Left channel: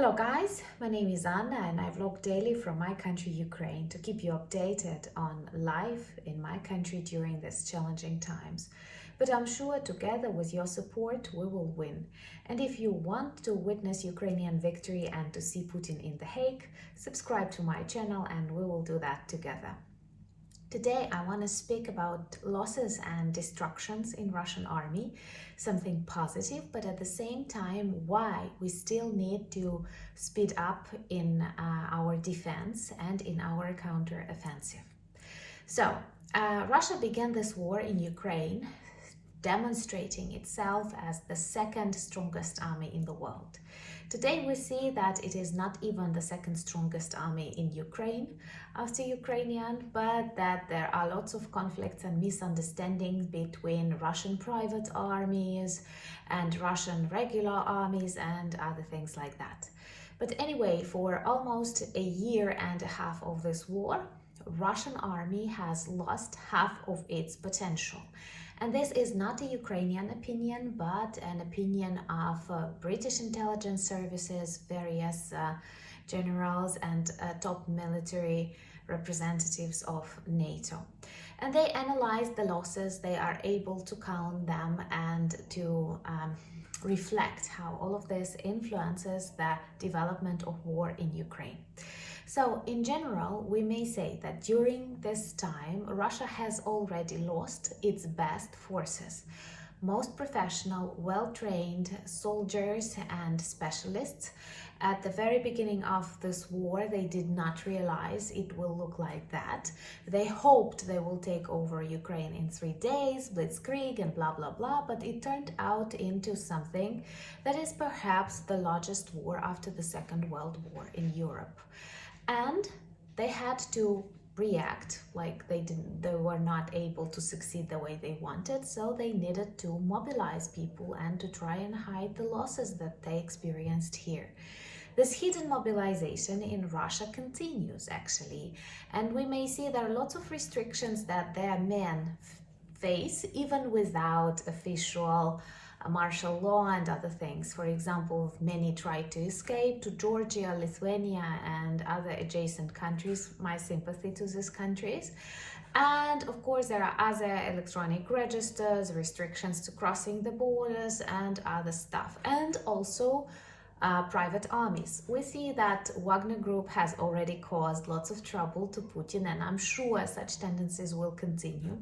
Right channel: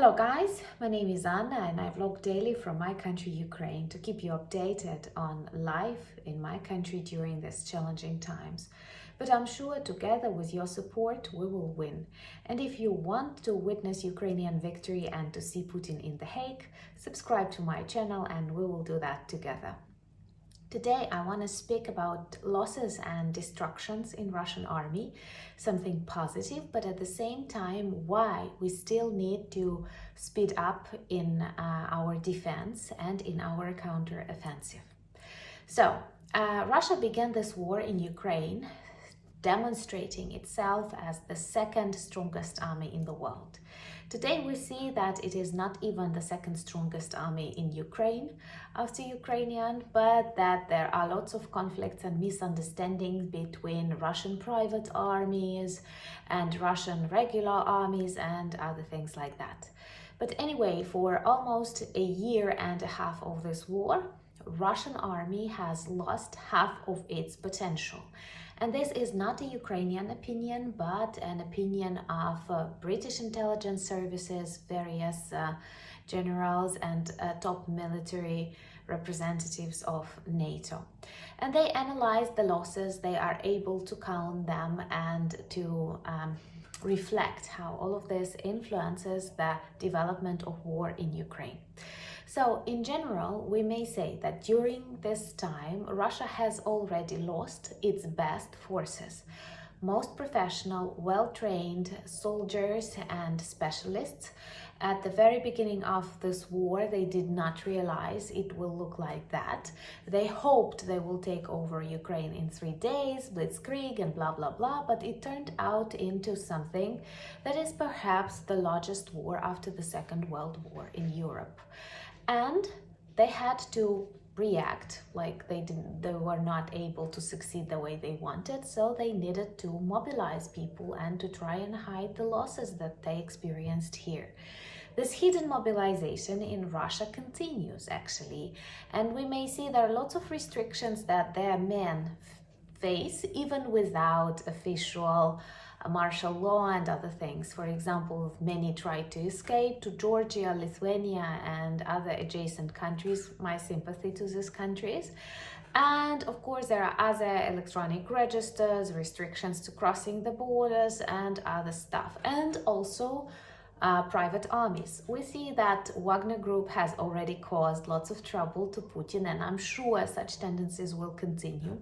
Hello guys, my name is Anna and I vlog daily from my country Ukraine to keep you updated on life in my country during these challenging times. But I'm sure together with your support we will win. And if you want to witness Ukrainian victory and to see Putin in The Hague, subscribe to my channel and we will do that together. Today I want to speak about losses and destructions in Russian army, something positive, but at the same time why we still need to speed up in our defense and in our counter-offensive. So, Russia began this war in Ukraine, demonstrating itself as the second strongest army in the world. Today we see that it is not even the second strongest army in Ukraine after Ukrainian, but that there are lots of conflicts and misunderstandings between Russian private armies and Russian regular armies and other things like that. But anyway, for almost a year and a half of this war, Russian army has lost half of its potential. And this is not a Ukrainian opinion, but an opinion of British intelligence services, various generals and top military representatives of NATO. And they analyze the losses, they are able to count them and to reflect how all of this influences the development of war in Ukraine. So, in general, we may say that during this time, Russia has already lost its best forces. Most professional, well-trained soldiers and specialists. At the very beginning of this war, they did not realize it will look like that. They hoped they will take over Ukraine in 3 days, blitzkrieg and blah, blah, blah, but it turned out into something that is perhaps the largest war after the Second World War in Europe. And they had to react, like they were not able to succeed the way they wanted, so they needed to mobilize people and to try and hide the losses that they experienced here. This hidden mobilization in Russia continues actually, and we may see there are lots of restrictions that their men face even without official martial law and other things. For example, many tried to escape to Georgia, Lithuania and other adjacent countries. My sympathy to these countries. And of course there are other electronic registers, restrictions to crossing the borders and other stuff. And also private armies. We see that Wagner Group has already caused lots of trouble to Putin, and I'm sure such tendencies will continue.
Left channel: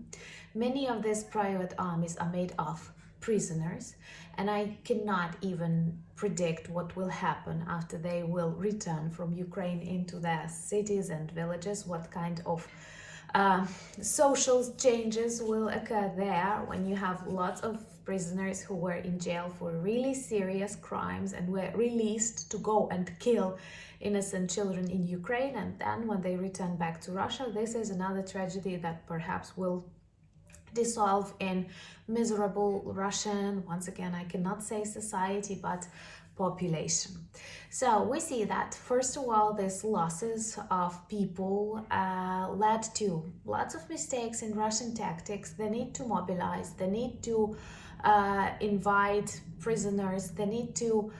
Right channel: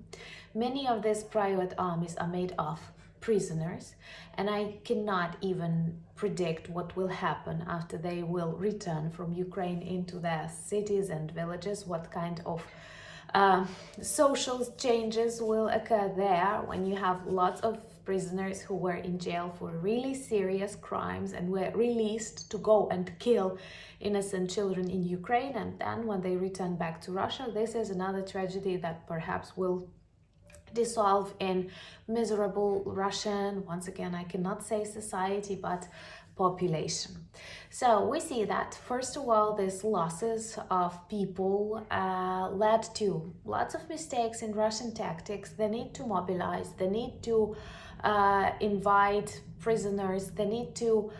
Many of these private armies are made of prisoners, and I cannot even predict what will happen after they will return from Ukraine into their cities and villages, what kind of social changes will occur there when you have lots of prisoners who were in jail for really serious crimes and were released to go and kill innocent children in Ukraine, and then when they return back to Russia, this is another tragedy that perhaps will dissolve in miserable Russian, once again I cannot say society, but population. So we see that first of all these losses of people led to lots of mistakes in Russian tactics. They need to mobilize, they need to invite prisoners, they need to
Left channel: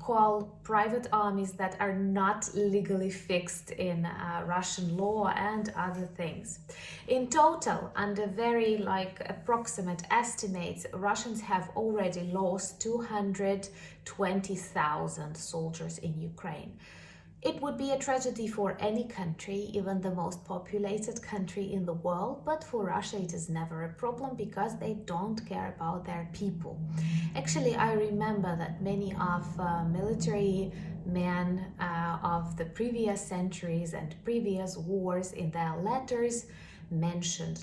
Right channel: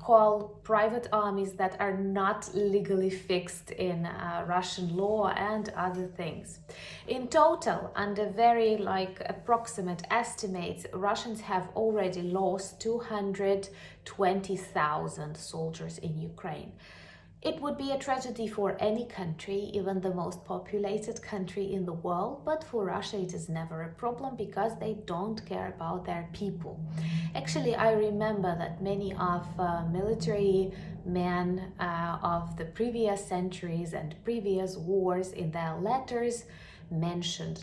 call private armies that are not legally fixed in Russian law and other things. In total, under very approximate estimates, Russians have already lost 220,000 soldiers in Ukraine. It would be a tragedy for any country, even the most populated country in the world, but for Russia it is never a problem because they don't care about their people. Actually, I remember that many of military men of the previous centuries and previous wars in their letters mentioned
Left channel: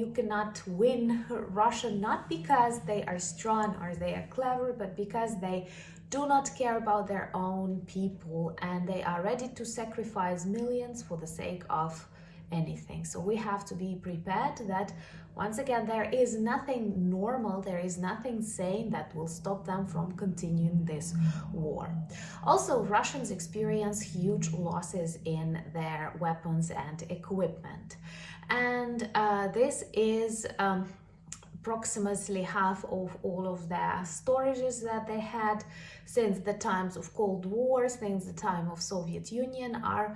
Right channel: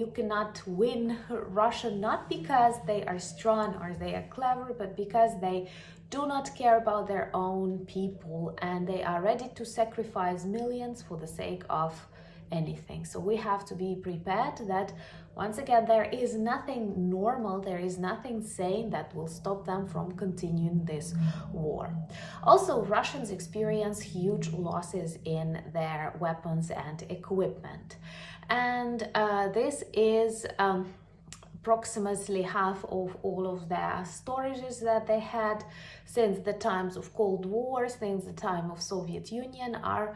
you cannot win Russia not because they are strong or they are clever, but because they do not care about their own people and they are ready to sacrifice millions for the sake of anything. So we have to be prepared that once again there is nothing normal, there is nothing sane that will stop them from continuing this war. Also, Russians experience huge losses in their weapons and equipment, and this is approximately half of all of their storages that they had. since the times of Cold War, since the time of Soviet Union, are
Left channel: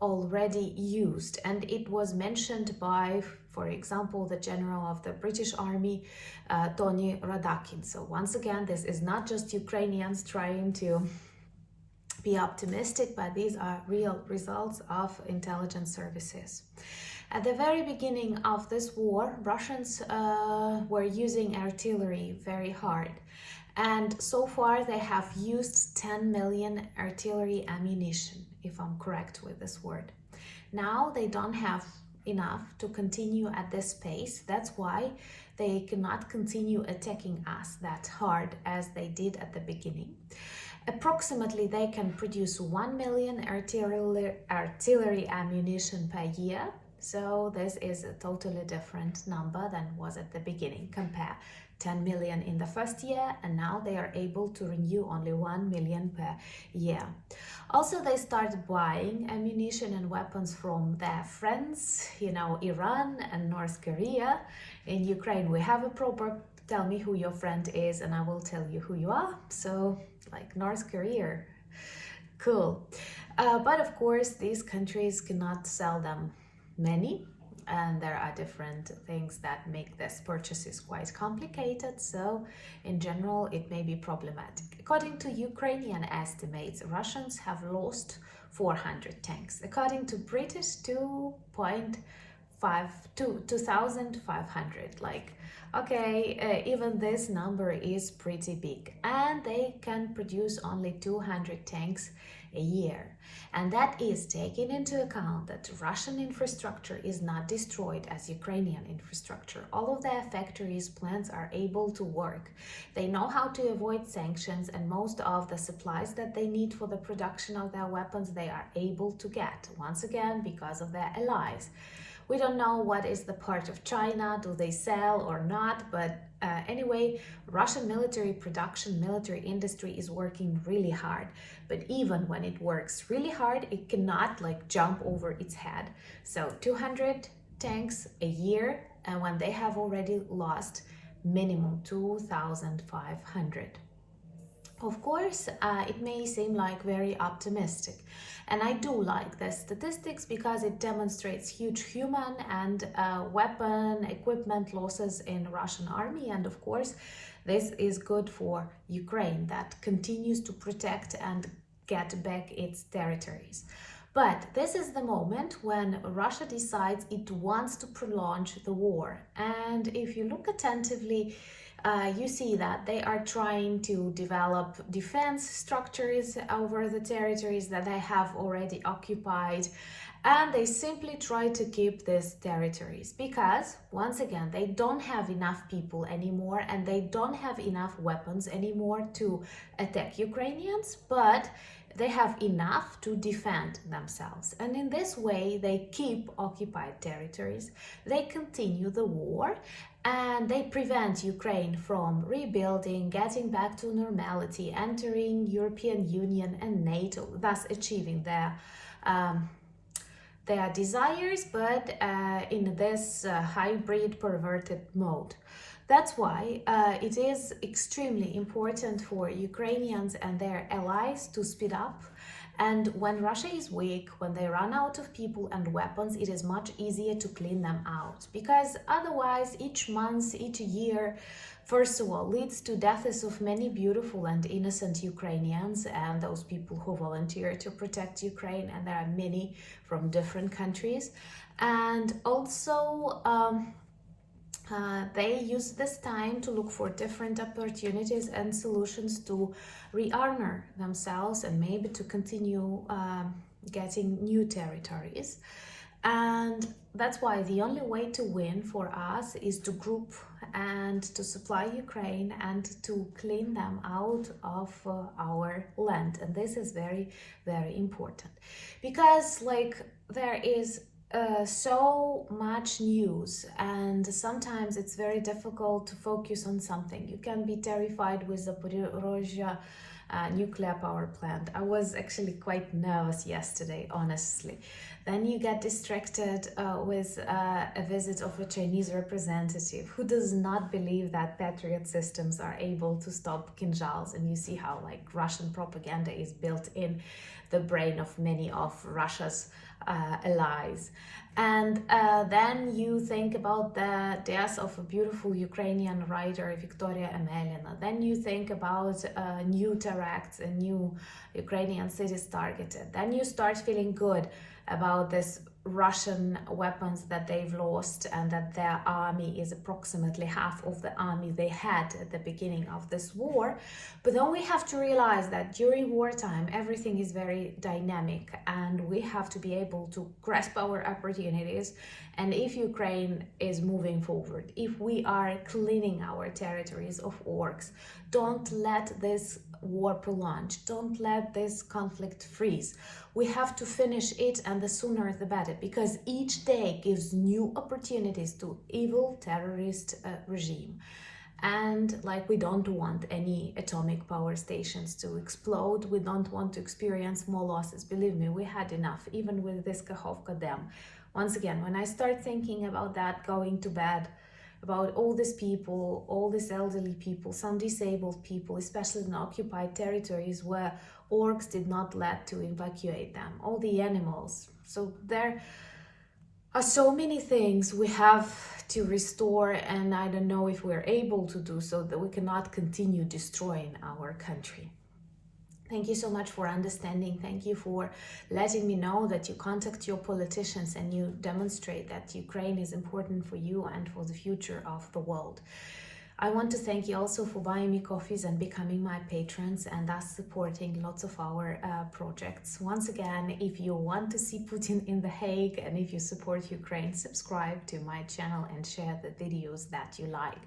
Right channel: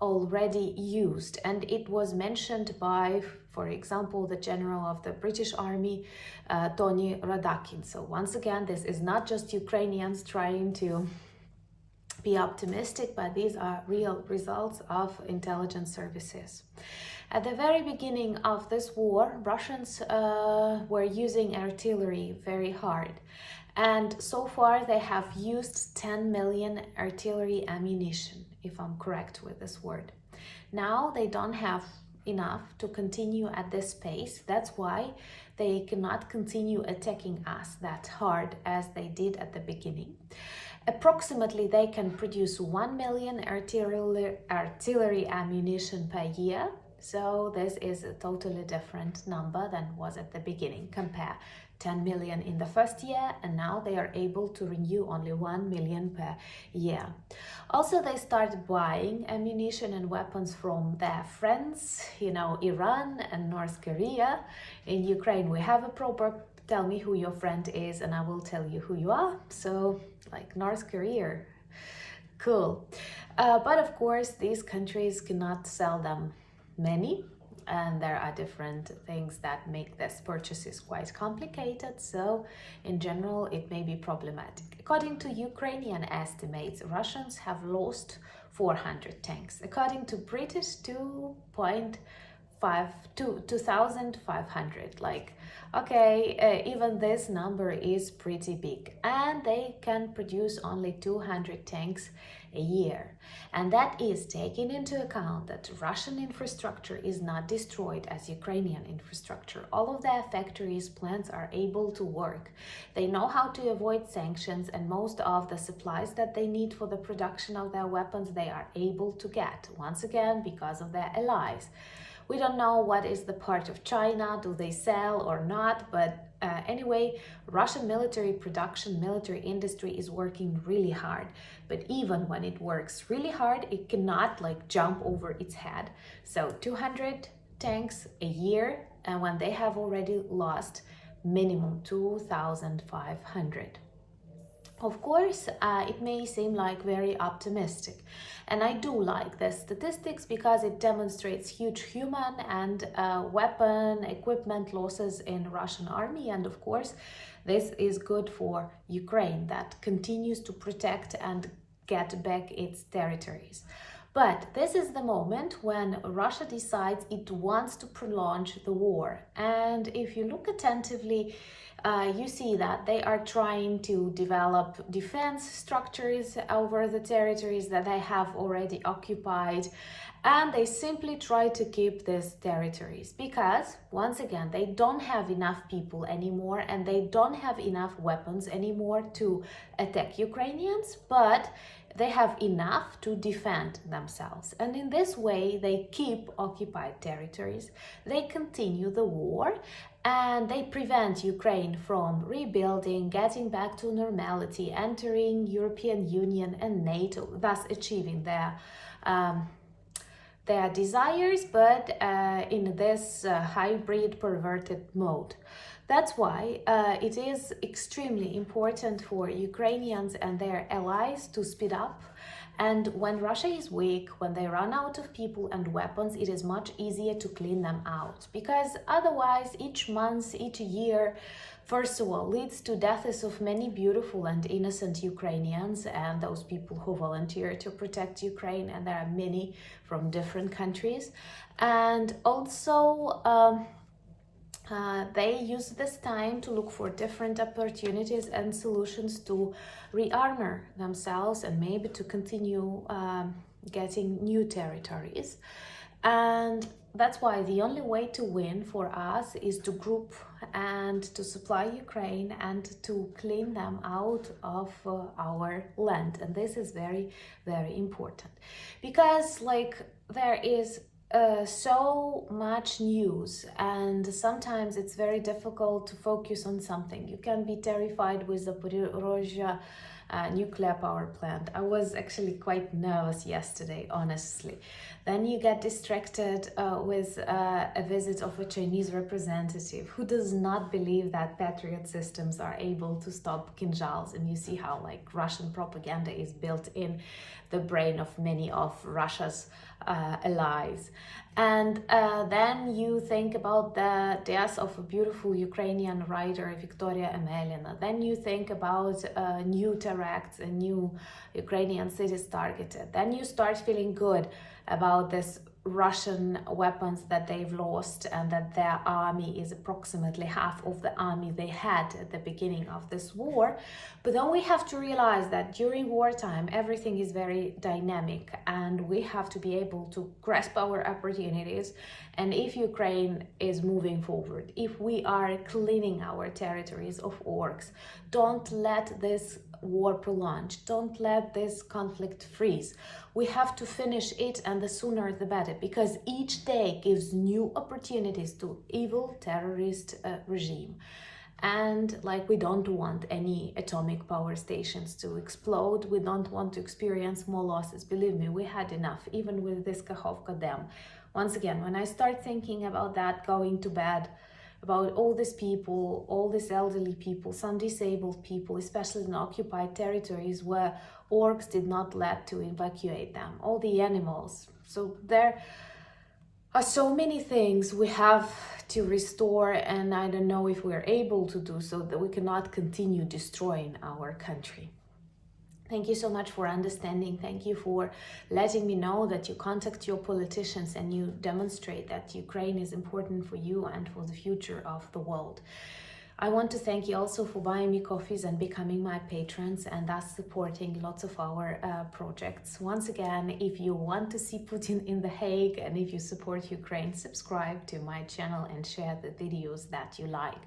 already used. And it was mentioned by, for example, the general of the British Army, Tony Radakin. So once again, this is not just Ukrainians trying to be optimistic, but these are real results of intelligence services. At the very beginning of this war, Russians were using artillery very hard. And so far they have used 10 million artillery ammunition, if I'm correct with this word. Now they don't have enough to continue at this pace. That's why they cannot continue attacking us that hard as they did at the beginning. Approximately they can produce 1 million artillery ammunition per year. So this is a totally different number than was at the beginning. Compare 10 million in the first year, and now they are able to renew only 1 million per year. Also, they started buying ammunition and weapons from their friends, Iran and North Korea. In Ukraine, we have a proverb, tell me who your friend is and I will tell you who you are. So, like North Korea, cool. But of course, these countries cannot sell them many, and there are different things that make this purchases quite complicated. So in general, it may be problematic. According to Ukrainian estimates, Russians have lost 400 tanks. According to British, 2,500. Like, okay, even this number is pretty big, and they can produce only 200 tanks a year. And that is taking into account that Russian infrastructure is not destroyed as Ukrainian infrastructure. All of their factories, plants are able to work. They know how to avoid sanctions, and most of the supplies that they need for the production of their weapons, they are able to get, once again, because of their allies. We don't know what is the part of China, do they sell or not, but anyway, Russian military production, military industry is working really hard. But even when it works really hard, it cannot jump over its head. So 200 tanks a year, and when they have already lost minimum 2,500. Of course, it may seem like very optimistic. And I do like the statistics because it demonstrates huge human and weapon equipment losses in Russian army. And of course, this is good for Ukraine that continues to protect and get back its territories. But this is the moment when Russia decides it wants to prolong the war. And if you look attentively, you see that they are trying to develop defense structures over the territories that they have already occupied, and they simply try to keep these territories because, once again, they don't have enough people anymore and they don't have enough weapons anymore to attack Ukrainians, but they have enough to defend themselves. And in this way, they keep occupied territories, they continue the war, and they prevent Ukraine from rebuilding, getting back to normality, entering European Union and NATO, thus achieving their desires, but in this hybrid perverted mode. That's why it is extremely important for Ukrainians and their allies to speed up. And when Russia is weak, when they run out of people and weapons, it is much easier to clean them out. Because otherwise, each month, each year, first of all, leads to deaths of many beautiful and innocent Ukrainians and those people who volunteer to protect Ukraine. And there are many from different countries. And also, they use this time to look for different opportunities and solutions to rearmor themselves and maybe to continue getting new territories. And that's why the only way to win for us is to group and to supply Ukraine and to clean them out of our land. And this is very, very important because there is so much news, and sometimes it's very difficult to focus on something. You can be terrified with the Zaporizhzhia nuclear power plant. I was actually quite nervous yesterday, honestly. Then you get distracted with a visit of a Chinese representative who does not believe that Patriot systems are able to stop Kinjals, and you see how like Russian propaganda is built in the brain of many of Russia's allies. And then you think about the death of a beautiful Ukrainian writer, Victoria Emelina. Then you think about new terrorists and new Ukrainian cities targeted. Then you start feeling good about this Russian weapons that they've lost, and that their army is approximately half of the army they had at the beginning of this war. But then we have to realize that during wartime everything is very dynamic, and we have to be able to grasp our opportunities. And if Ukraine is moving forward, if we are cleaning our territories of orcs, don't let this war prolong, don't let this conflict freeze. We have to finish it, and the sooner the better, because each day gives new opportunities to evil terrorist regime. And like, we don't want any atomic power stations to explode. We don't want to experience more losses. Believe me, we had enough, even with this Kakhovka Dam. Once again, when I start thinking about that, going to bed, about all these people, all these elderly people, some disabled people, especially in occupied territories where orcs did not let to evacuate them, all the animals. So there are so many things we have to restore, and I don't know if we're able to do so, that we cannot continue destroying our country. Thank you so much for understanding. Thank you for letting me know that you contact your politicians and you demonstrate that Ukraine is important for you and for the future of the world. I want to thank you also for buying me coffees and becoming my patrons, and thus supporting lots of our projects. Once again, if you want to see Putin in The Hague, and if you support Ukraine, subscribe to my channel and share the videos that you like.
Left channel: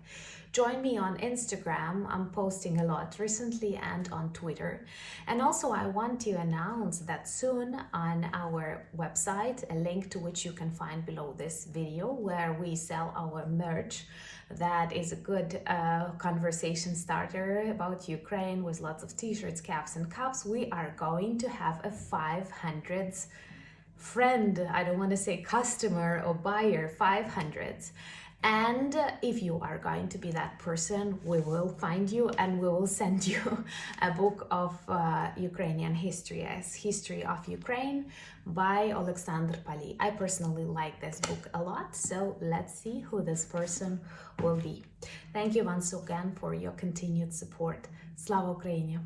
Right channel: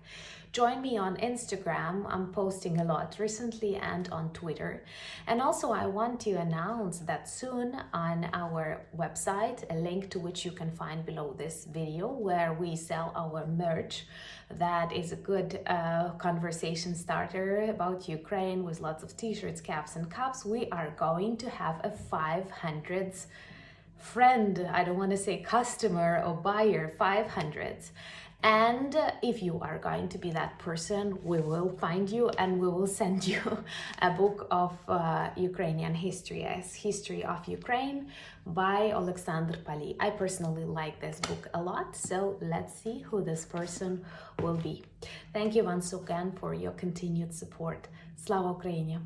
Join me on Instagram. I'm posting a lot recently, and on Twitter. And also I want to announce that soon on our website, a link to which you can find below this video, where we sell our merch. That is a good conversation starter about Ukraine, with lots of t-shirts, caps and cups. We are going to have a 500th friend, I don't want to say customer or buyer, 500th. And if you are going to be that person, we will find you and we will send you a book of Ukrainian history, as History of Ukraine by Alexander Pali. I personally like this book a lot, so let's see who this person will be. Thank you once again for your continued support. Slava Ukraini!